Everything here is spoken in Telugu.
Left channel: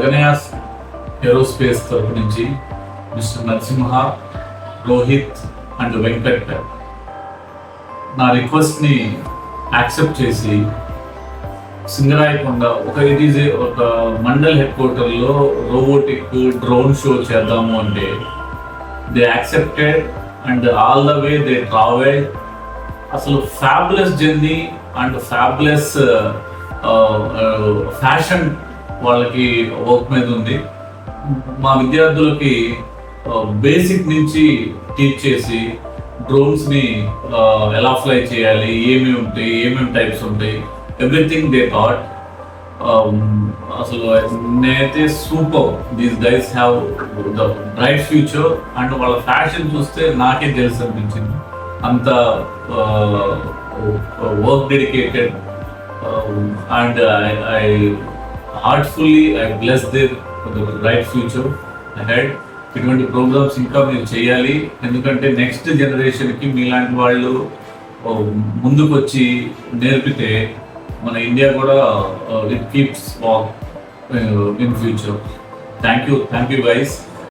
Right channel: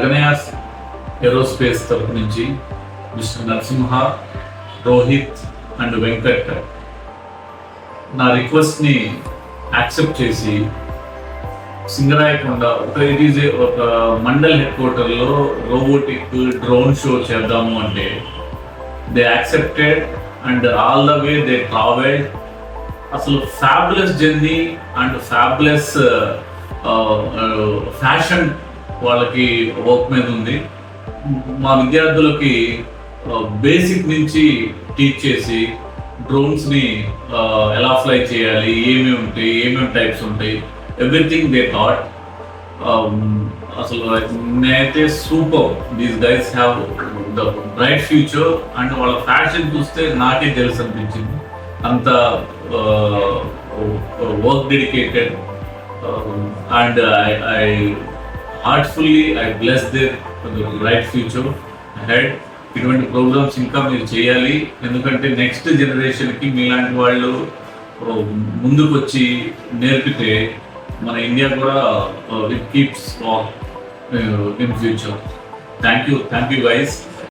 గగనయాస్ ఏరోస్పేస్ తరపు నుంచి మిస్టర్ నరసింహ, రోహిత్ అండ్ వెంకట్ నా రిక్వెస్ట్ని యాక్సెప్ట్ చేసి సింగరాయకొండ ఒక మండల్ హెడ్ క్వార్టర్లో రోబోటిక్ డ్రోన్ షో చేద్దాము అంటే they accepted and all the way they travel. అసలు fabulous journey and fabulous fashion వాళ్ళకి వర్క్ మీద ఉంది. మా విద్యార్థులకి బేసిక్ నుంచి టీచ్ చేసి డ్రోన్స్ని ఎలా ఫ్లై చేయాలి, ఏమేమి టైప్స్ ఉంటాయి, ఎవ్రీథింగ్ దే థాట్. అసలు నేనైతే super, these guys have the bright future. And వాళ్ళ ఫ్యాషన్ చూస్తే నాకే తెలుసు అనిపించింది, అంత work dedicated. And I heartfully I bless their bright future ahead. ఇటువంటి ప్రోగ్రామ్స్ ఇంకా మీరు చేయాలి, ఎందుకంటే నెక్స్ట్ జనరేషన్కి మీలాంటి వాళ్ళు ముందుకు వచ్చి నేర్పితే మన ఇండియా కూడా it keeps in future. Thank you guys.